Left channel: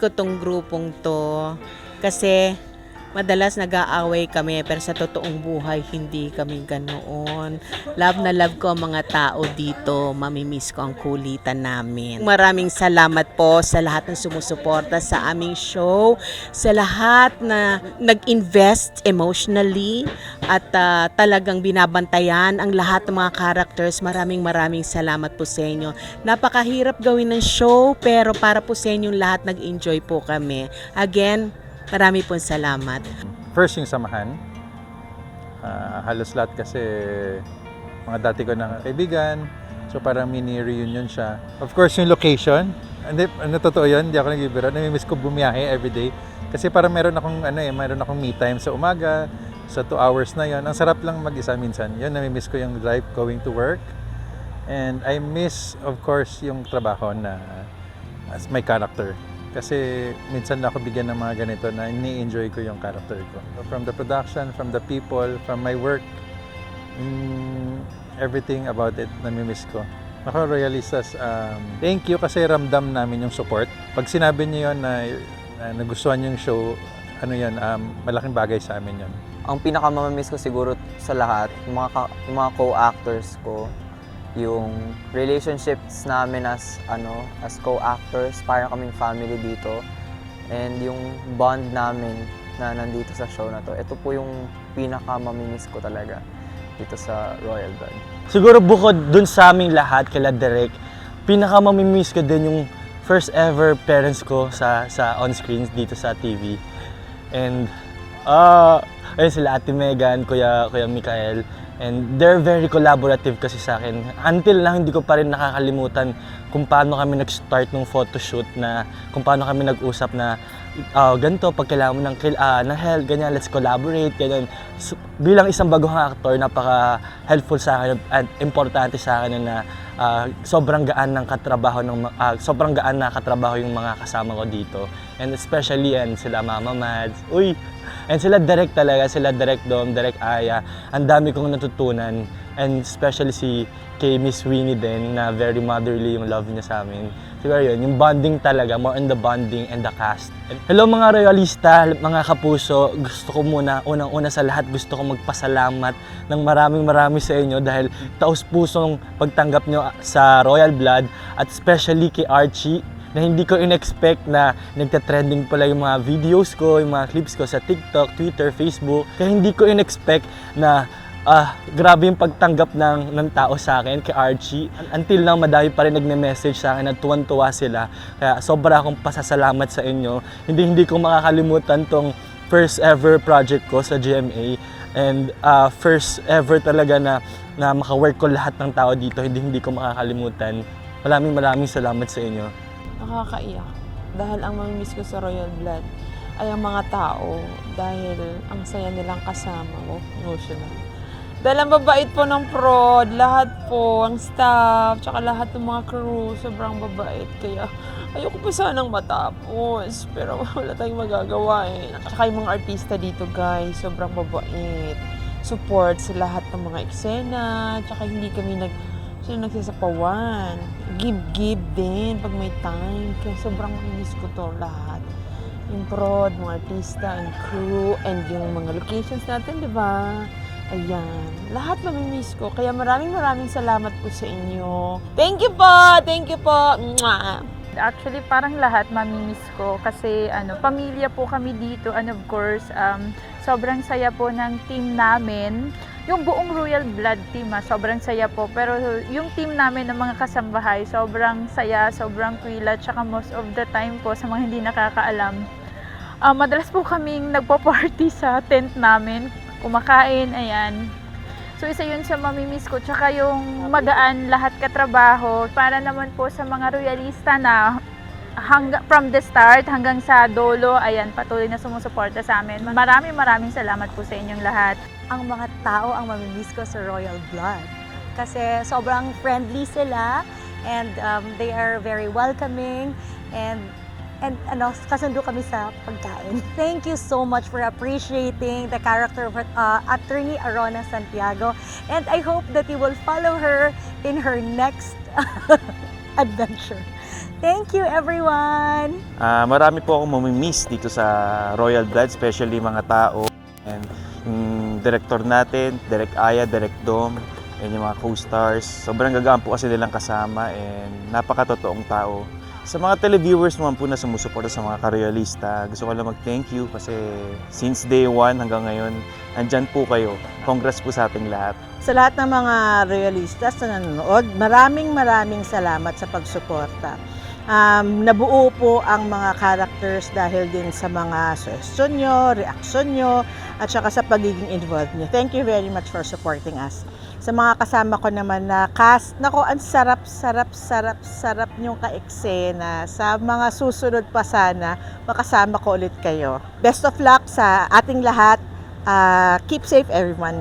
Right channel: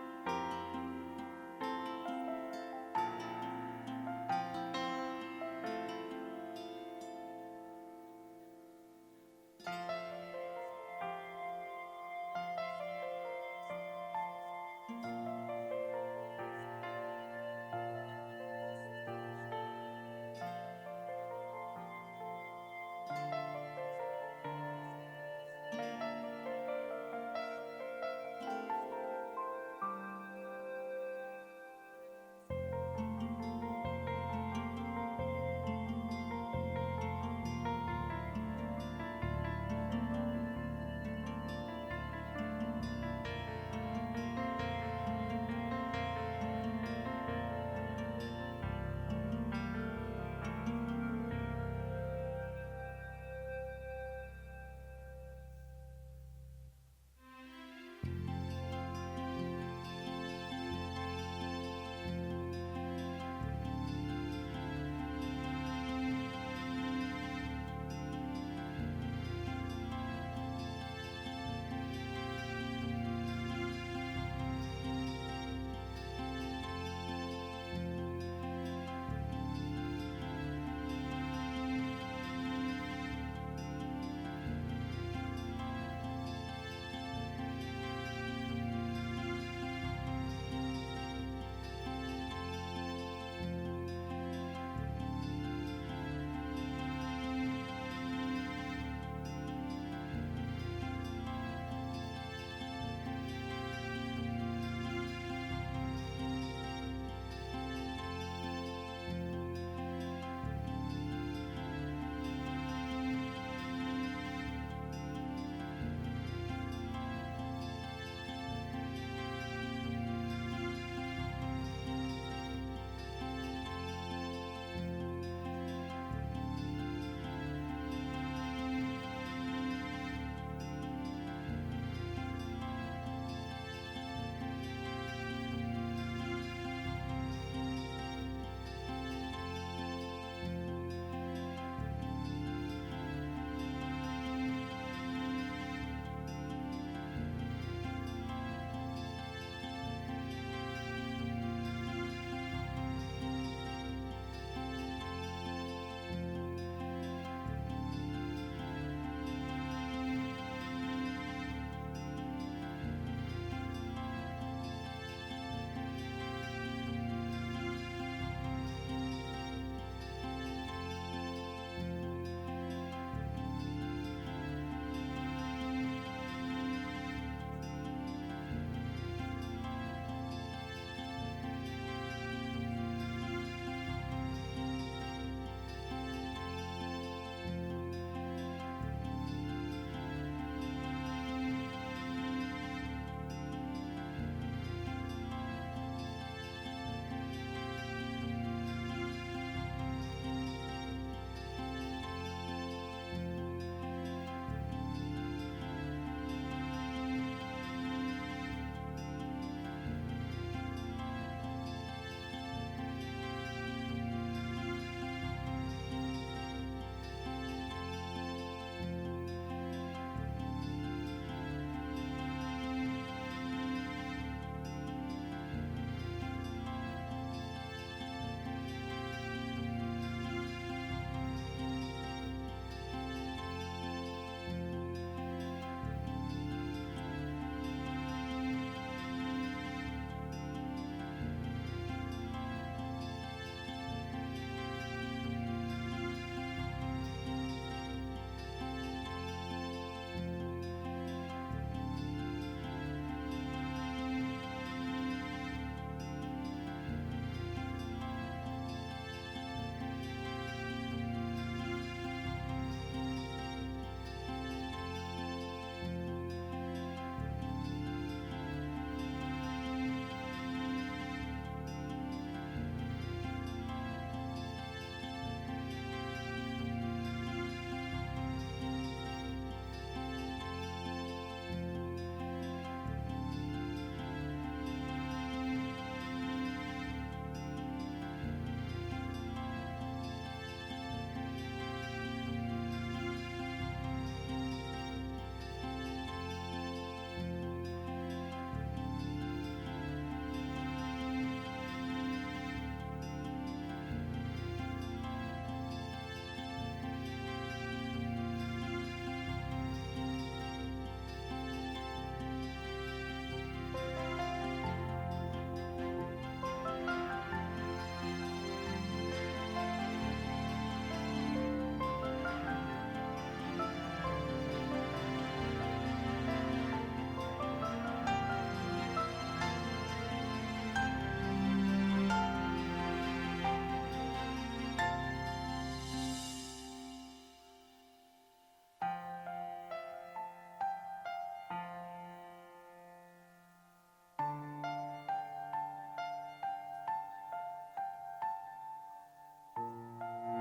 ko tong grupong to kasi madalas nag-aaway kami pero sa totoong buhay hindi kami ganoon. Love na love ko ang mga tao dito. Mamimiss ko ang kulitan namin. Maraming salamat po sa lahat ng sumusuporta sa aming show, sa lahat na nag-invest emotionally at talagang binabantayan ang lahat ng mga characters. Maraming salamat po sa inyo. Napakahirap gawin ng show pero para po sa inyong lahat nag-enjoy po kami. Again, marami pong salamat. First yung samahan. Halos lahat kasi mga dati ko na kaibigan. So parang mini reunion siya. Of course yung location. Hindi, totoo yun, hindi ako nagbibiro. Namimiss ko bumiyahe everyday. Kasi parang meron akong me time sa umaga. Sa 2 hours na yun. Ang sarap lang mag-isa minsan. Yun, namimiss ko yung drive going to work. And I miss, of course, yung trabaho na as my character. Kasi minsan na ako bigyan ng mga ganito na ini-enjoy ko yung character ko. From the production, from the people, from my work, everything about it, namimiss ko. Ako, Royalistas, thank you kasi ramdam namin yung support. Pag sinabi niyo yun na nagustuhan yung show, malaking bagay sa amin yun. Ang pinakamamamiss ko siguro sa lahat, yung mga co-actors ko, yung relationships namin as co-actors, parang kaming family dito, and yung bond namin na nandito sa show na to. Ito po yung pinaka-mamimiss ko talaga dito sa Royal Blood. Siguro bukod dun sa aming lahat, kila Derek, pinaka-mamimiss ko din yung first ever parents ko sa on-screen dito sa TV. And ayun sila Ate Megan, Kuya Mikael. And they're very collaborative kasi sa akin. Until na hindi ko pa rin nakakalimutan kung paano kami nag-start ng photoshoot, na kung paano kami nag-usap na ganito, pag kailangan mo ng help, ganyan, let's collaborate, ganyan. So, bilang isang bagong actor, napaka-helpful sa akin at importante sa akin na sobrang gaan na katrabaho yung mga kasama ko dito. And especially sila Mama Mads. And sila Direk talaga, sila Direk Dom, Direk Aya. Ang dami kong natutunan. And especially kay Miss Winnie din, na very motherly yung love niya sa amin. Siguro yun, yung bonding talaga, more on the bonding and the cast. Hello mga Royalista, mga kapuso. Gusto ko unang-una sa lahat, gusto ko magpasalamat ng maraming sa inyo dahil taos-pusong pagtanggap nyo sa Royal Blood, at especially kay Archie, na hindi ko in-expect na nagta-trending pala yung mga videos ko, yung mga clips ko sa TikTok, Twitter, Facebook. Kaya hindi ko in-expect na grabe yung pagtanggap ng tao sa akin kay Archie. Until now, madami pa rin nagme-message sa akin at tuwan-tuwa sila. Kaya sobra akong pasasalamat sa inyo. Hindi ko makakalimutan tong first ever project ko sa GMA. And first ever talaga na maka-work ko lahat ng tao dito. Hindi ko makakalimutan. Maraming salamat sa inyo. Nakakaiyak dahil ang mamimiss ko sa Royal Blood ay ang mga tao, dahil ang saya nilang kasama ko, emotional. Dahil ang babait po ng prod, lahat po, ang staff, tsaka lahat ng mga crew, sobrang babait. Kaya ayoko pa sanang matapos, pero wala tayong magagawa eh. Tsaka yung mga artista dito guys, sobrang babait. Support sa lahat ng mga eksena, tsaka hindi kami nagsasapawan. Give din pag may time. Kaya sobrang miss ko to lahat. Yung prod, mga artista, and crew, and yung mga locations natin, di ba? Ayan. Lahat mamimiss ko. Kaya maraming salamat po sa inyo. Thank you po! Thank you po! Mwah! Actually, parang lahat mamimiss ko kasi pamilya po kami dito, and of course, sobrang saya po ng team namin. Yung buong Royal Blood team, sobrang saya po. Pero yung team namin ng mga kasambahay, sobrang saya, sobrang kwila, tsaka most of the time po, sa mga hindi nakakaalam, madalas po kaming nagpo-party sa tent namin, kumakain, ayan. So isa yun sa mamimiss ko, tsaka yung magaan lahat katrabaho, para naman po sa mga Royalista na from the start hanggang sa dulo, ayan, patuloy na sumusuporta sa amin. Maraming salamat po sa inyong lahat. Ang mga tao ang mamimiss ko sa Royal Blood. Kasi sobrang friendly sila, and they are very welcoming, and kasundo kami sa pagkain. Thank you so much for appreciating the character of Attorney Arona Santiago, and I hope that you will follow her in her next adventure. Thank you, everyone! Marami po akong mamimiss dito sa Royal Blood, especially mga tao. And yung director natin, Direk Aya, Direk Dom, and yung mga co-stars. Sobrang gagaan po kasi nilang kasama and napakatotoong tao. Sa mga televiewers naman po na sumusuporta sa mga karoyalista, gusto ko lang mag-thank you kasi since day one hanggang ngayon, nandyan po kayo. Congrats po sa ating lahat. Sa lahat ng mga royalistas na nanonood, maraming salamat sa pagsuporta. Nabuo po ang mga characters dahil din sa mga suggestion nyo, reaksyon nyo, at saka sa pagiging involved nyo. Thank you very much for supporting us. Sa mga kasama ko naman na cast, nako, ang sarap nyong ka-eksena. Sa mga susunod pa sana, makasama ko ulit kayo. Best of luck sa ating lahat. Keep safe, everyone.